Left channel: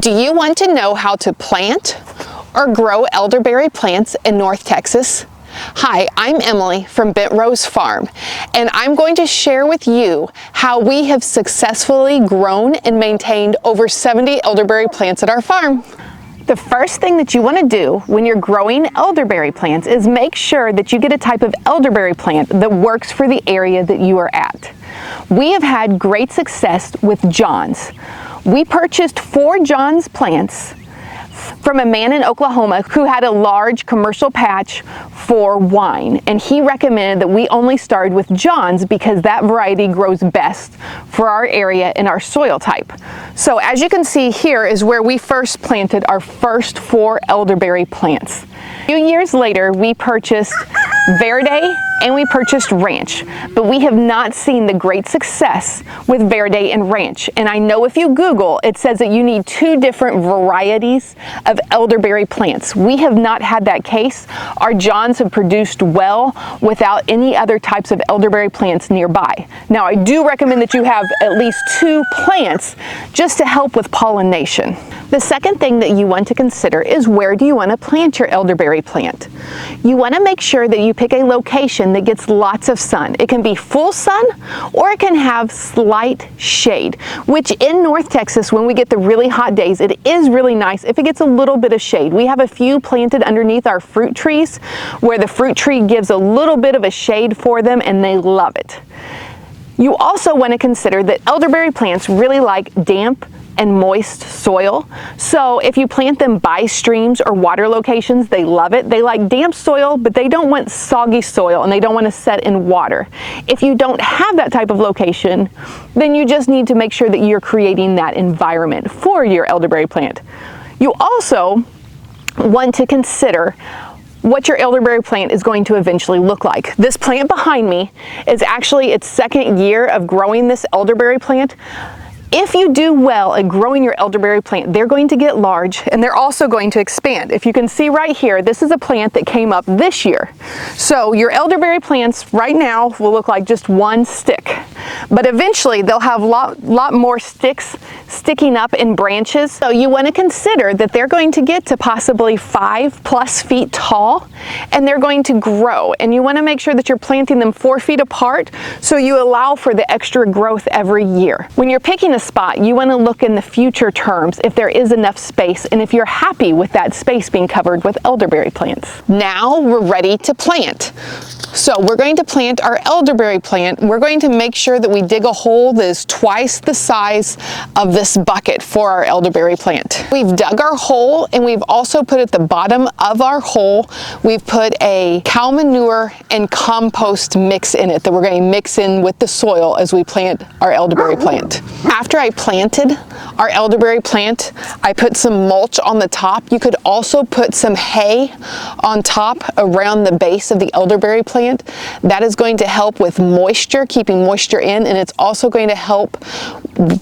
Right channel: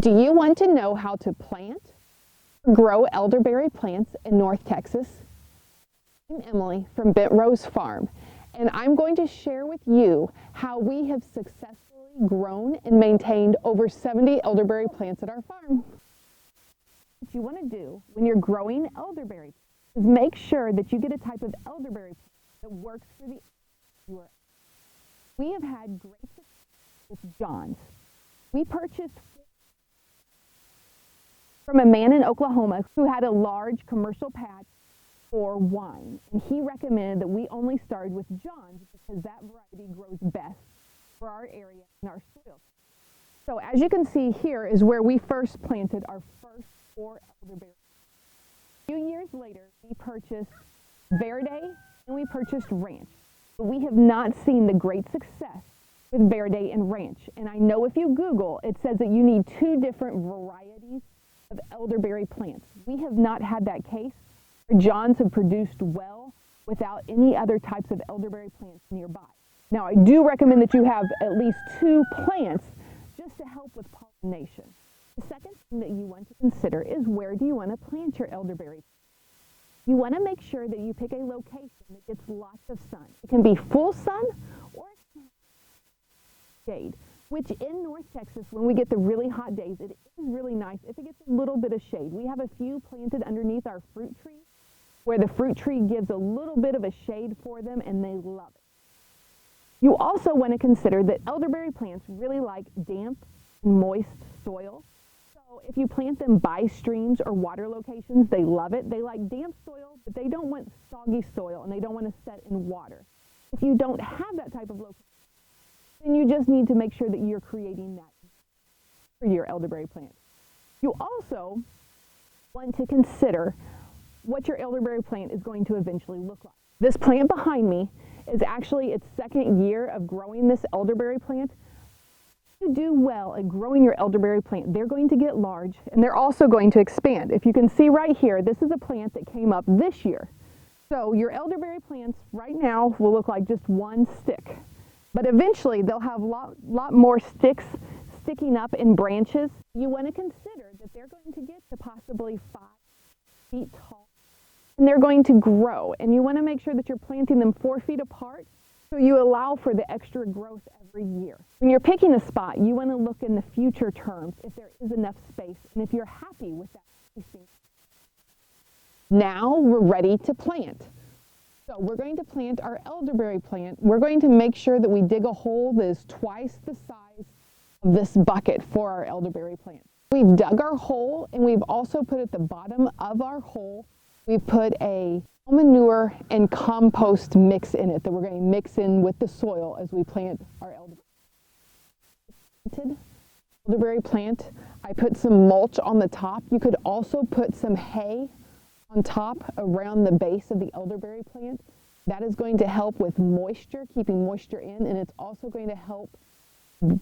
Do you want to know how to plant or grow elderberry plants in North Texas? Hi, I'm Emily from Bent Rose Farm, and I'm going to share with you how we have successfully grown and maintained over 70 elderberry plants at our farm. The first thing that you want to do when you're growing elderberry plants is make sure that you get a type of elderberry plant that works for the area that you are at. We have had great success with John's. We purchased 4 John's plants from a man in Oklahoma who had a large commercial patch for wine, and he recommended that we only started with John's because that variety grows best for our area and our soil type. So as you can see, here is where we first planted our first 4 elderberry plants. A few years later, we purchased Verde and we purchased Ranch, but we have not seen the great success with Verde and Ranch. And I know if you Google, it says that you need 2 different varieties of elderberry plants. We have not had that case. Our Johns have produced well without any other types of elderberry plants nearby. Now, I do recommend that you have at least 2 plants just to help with pollination. The second thing that you want to consider is, where do you want to plant your elderberry plant? You want to make sure that you pick a location that gets lots of sun. It can be full sun or it can have slight shade, which in North Texas, when we get the really hot days, it is really nice if it gets a little bit of shade. We have a few planted underneath our fruit trees where the fruit tree gives a little bit of a shade for them and they love it. You also want to consider that elderberry plants really like damp and moist soil. So if you plant them by streams or water locations, they love it. They like damp soil, but they don't want soggy soil and they don't want to set in water. If you don't have that type of location, then you just need to make sure that you're creating that environment for your elderberry plant. You also want to consider what your elderberry plant is going to eventually look like. This plant behind me is actually its 2nd year of growing this elderberry plant. If you do well at growing your elderberry plant, they're going to get large and they're also going to expand. If you can see right here, this is a plant that came up this year. So your elderberry plants right now will look like just one stick, but eventually they'll have a lot more sticks sticking up in branches. So you want to consider that they're going to get to possibly 5+ feet tall and they're going to grow. And you want to make sure that you're planting them 4 feet apart so you allow for the extra growth every year. When you're picking a spot, you want to look in the future terms if there is enough space and if you're happy with that space being covered with elderberry plants. Now we're ready to plant. So we're going to plant our elderberry plant. We're going to make sure that we dig a hole that is twice the size of this bucket for our elderberry plant. We've dug our hole and we've also put at the bottom of our hole, we've put a cow manure and compost mix in it that we're going to mix in with the soil as we plant our elderberry plant. After I planted our elderberry plant, I put some mulch on the top. You could also put some hay on top around the base of the elderberry plant. That is going to help with moisture, keeping moisture in, and it's also going to help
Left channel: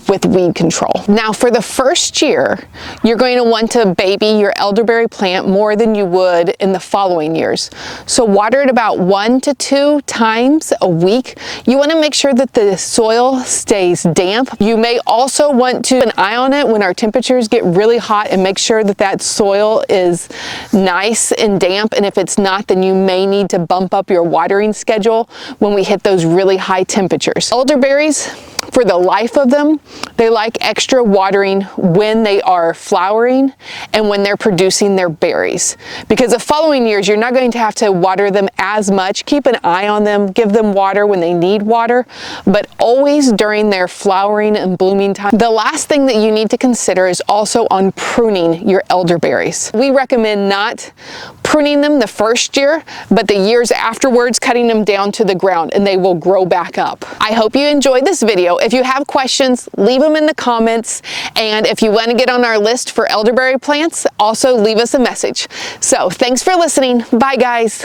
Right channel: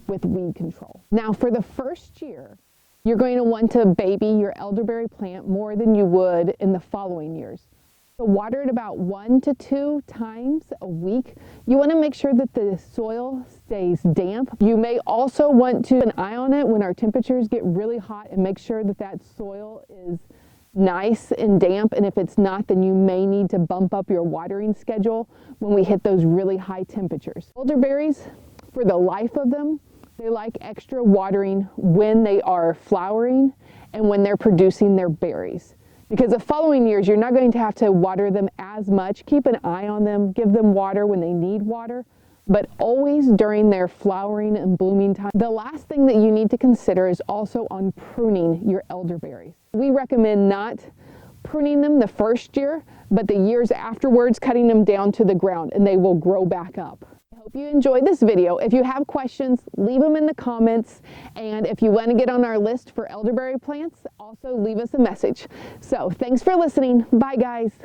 with weed control. Now for the first year, you're going to want to baby your elderberry plant more than you would in the following years. So water it about 1 to 2 times a week. You want to make sure that the soil stays damp. You may also want to keep an eye on it when our temperatures get really hot and make sure that that soil is nice and damp, and if it's not, then you may need to bump up your watering schedule when we hit those really high temperatures. Elderberries, for the life of them, they like extra watering when they are flowering and when they're producing their berries. Because the following years, you're not going to have to water them as much. Keep an eye on them, give them water when they need water, but always during their flowering and blooming time. The last thing that you need to consider is also on pruning your elderberries. We recommend not pruning them the first year, but the years afterwards, cutting them down to the ground and they will grow back up. I hope you enjoyed this video. If you have questions, leave them in the comments. And if you want to get on our list for elderberry plants, also leave us a message. So thanks for listening. Bye guys.